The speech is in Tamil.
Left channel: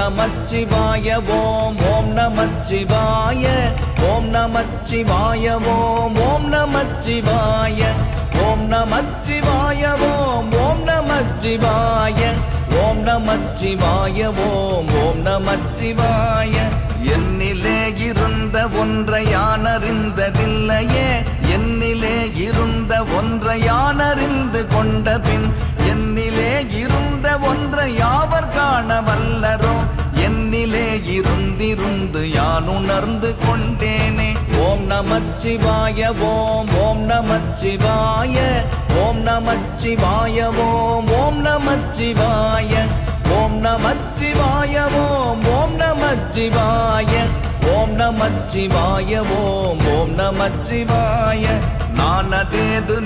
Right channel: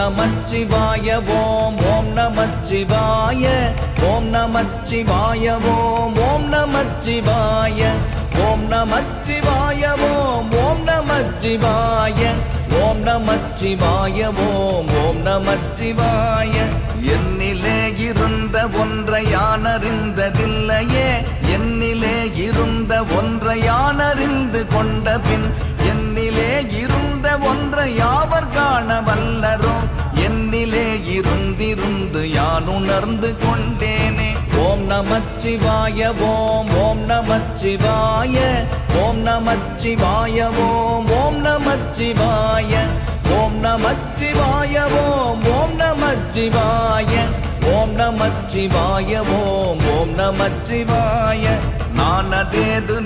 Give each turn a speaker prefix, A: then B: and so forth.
A: நமச்சிவாய ஓம் ஓம் நமச்சிவாய ஓம் நமச்சிவாய ஓம் ஓம் நமச்சிவாய ஓம் நமச்சிவாய ஓம் ஓம் நமச்சிவாய ஓம் நமச்சிவாய ஓம் ஓம் நமச்சிவாய. என்னிலே இருந்த ஒன்றை யானறிந்ததில்லையே என்னிலே இருந்த ஒன்றை யானறிந்து கொண்ட பின் உணர்ந்து கொண்டேனே ஓம் நமச்சிவாய ஓம் ஓம் நமச்சிவாய ஓம் நமச்சிவாய ஓம் ஓம் நமச்சிவாய ஓம் நமச்சிவாய ஓம் ஓம் நமச்சிவாய ஓம் நமச்சிவாய ஓம் ஓம் நமச்சிவாய. மானதேது